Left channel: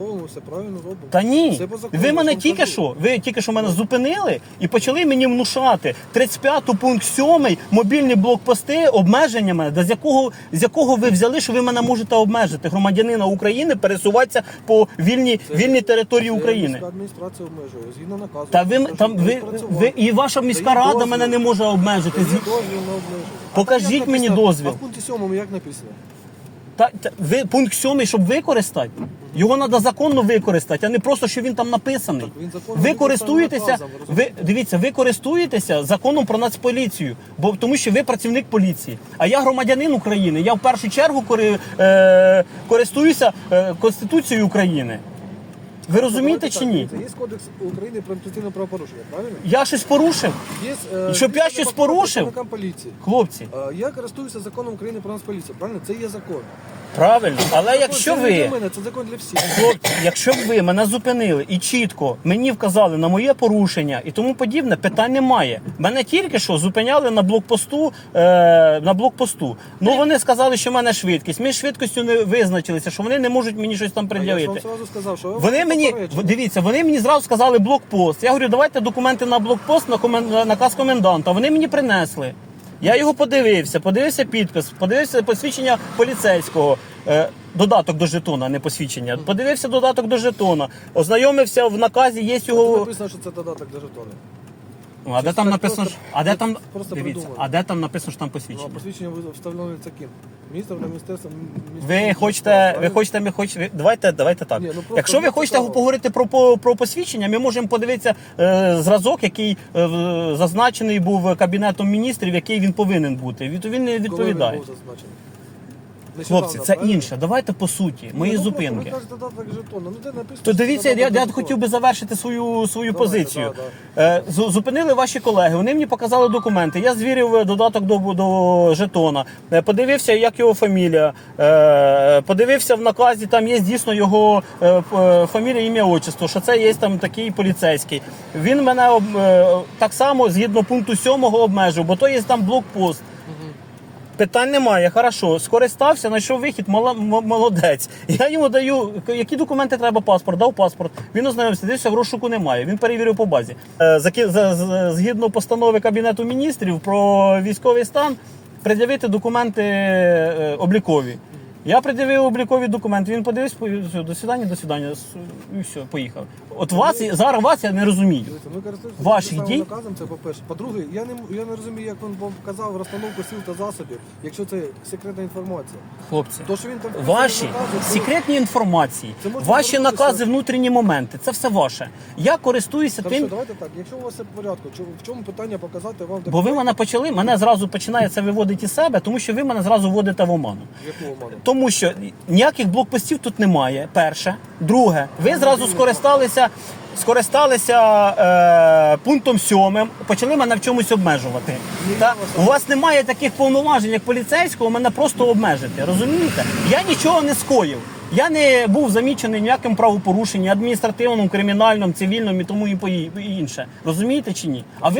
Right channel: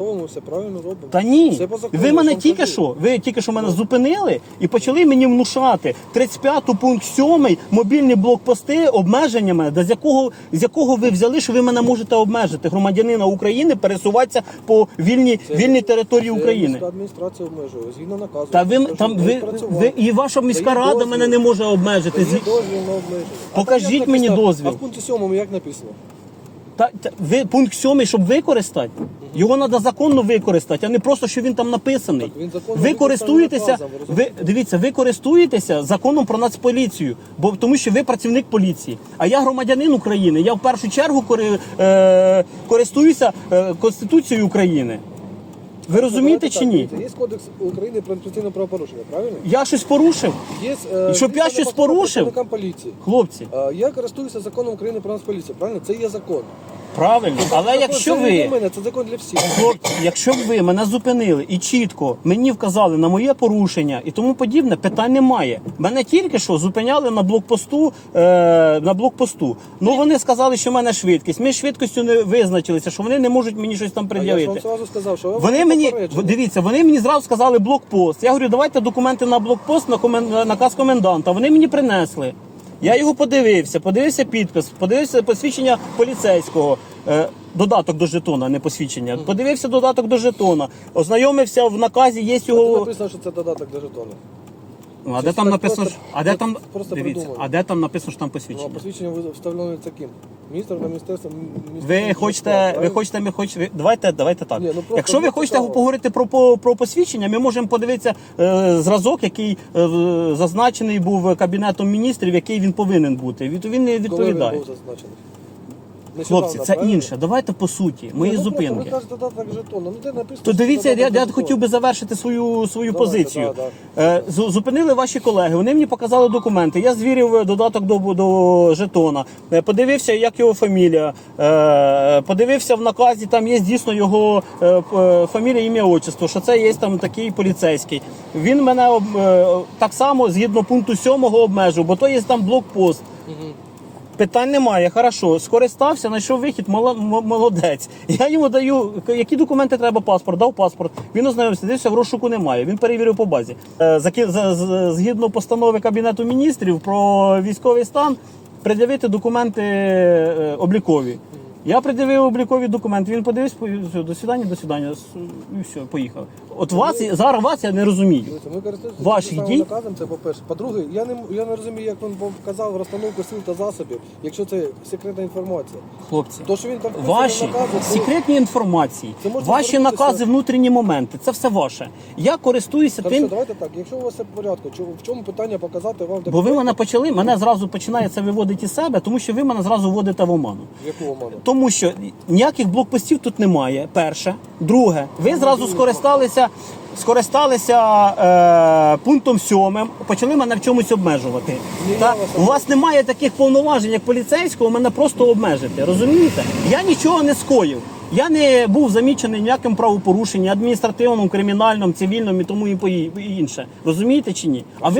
Ми все правильно робимо. Та ні, Все по закону, ви мене тільки кажу. що, ви тільки що мене зупинили і почали мені внушати 35 пункт 7, мобільні блокпости, обмеження мене, да з якого з якого ви взяли, що ви мене можете обмежити, громадянина України, пересуватися по вільній Це- вільній території Це України. міська адміністрація обмежує, згідно наказу. Та ви там ви, ви і ваша міська рада дозвіл. мене не може обмежити. Звід- дозвіл обмеження. Покажіть мені дозвіл. А в пункті 7 як написано? Та, та ви пункт 7, щоб використати. Його треба законно використати, а не просто, що він там написаний. Так, він законно ви користуєтеся, наказом, ви ви дивіться, ви користуєтеся законом про нацполіцію, бо тому що ви працівник поліції. А я громадянин України. Я в першу чергу кори, е, користуюся е, Конституцією України. Ви розумієте чи ні? Є кодекс України про адміністративне правопорушення, правильно? Я щось порушив, Є, е, І щоб я щось порушив? поліції. хлопці. Е, Я користуюся законом України про Нацполіцію, правильно? Це є закон. Правильно, але якщо це не для ви мене, це закон для всіх. Хлопці, якщо б ви мене зупинили і чітко мені вказали на моє порушення і тому подібне, питань немає. Мене тільки що зупиняли на блокпосту. Е, на блокпосту. Ну вони сказали, що в мене швидкість. Ми з швидкістю не визначилися, що вони не можуть мені щось там А я ж вам пред'явити. сразу сказав, що вам Вони мені дивіться, вони мені зразу сказали блокпост. Я говорю, давайте документи на блокпост на комен- на наказ коменданта. Вони мені принесли. Я його подивився, подивився підпис, подивився посвідчення поліцейського. Е, Додаток до жетона, не посвідчення. Подивився додаток до жетона. Ознайомився в наказі, є Тут його. написано, що це додаток до жетону. Ну, А де Це там так написано, просто- що- а де там просто дивіться, придумали. а де там написано, що там Ну, а посвідчення? посвідчення ви встановлюється ким? Міністром на міністерство. Ви хочете, ви хочете, ми хочете. ви- Давайте, давайте так. Ні, ну просто Якщо ви мені хочете цікаво. поговорити про, про, про посвідчення, ми можемо подивитися е, зразок, який е, в- зазначений був кабінетом міністрів, який він повинен бути. Від він не відповідає. був зазначений? Хлопці, це інше. Давайте по суті, мої Ні, ну, зупинки. Просто, додаток жетона. Ну, де написано, То дивіться, я, я хотів би завершити свою свою Давайте, позицію. да, Е, з- Зупинили ваші колеги. Вони мені показали документи. Я звірив е, додаток до, до жетона. Е, Подивився, як його фамілія. Е, Подивився в наказі. Там є дійсно його е, фамілія, ім'я, отчество. Що це є там такий поліцейський. Він мене е, так само згідно пункту 7 обмежив, бо то є там блокпост. Питань немає, хорошо. Скористався, знайшов вихід, мала- молодець. Я йому даю, які документи треба паспорт, дав паспорт. Він ознайомився, дивився, в немає. Він перевірив по базі. Е, за- з- Згідно постанови Кабінету міністрів про військовий стан, пред'явити документи е, облікові. Я пред'явив облікові документи, він подивився, до свидання, до свидання, і все, поїхав. От вас, зараз вас я не розумію. Дивіться, Ми користуємося тим самим дії? наказом, це по-перше. По-друге, я не, я не розумію, як він вам показав розстановку сил та засобів, якщо це секретна інформація. Хлопці. То, що він там Ваші в наказі, це- секретні інформації, Це може ваші звернутися- накази, внутрішні моменти, це все ваше. Я користуюся Хорошо, тим, давайте так. Якщо у вас все в порядку, чо- в чому питання показати вам бо ви мене почали, мене зразу починає це виводити із себе, тому що ви мене зразу вводите в оману. Якого мене? Тому що ніяких блокпостів тут немає. Перше, друге, ви зразу скористалися, скористалися е, пунктом сьомим, почали мене в чомусь обмежувати. Та, у вас немає таких повноважень, як поліцейського, мене просто обмежити. Розумієте? Я нічого не скоїв. Я не був замічений ніяким правопорушенням, адміністративним, кримінальним, цивільним і тому і інше. Розумієте чи ні? А ви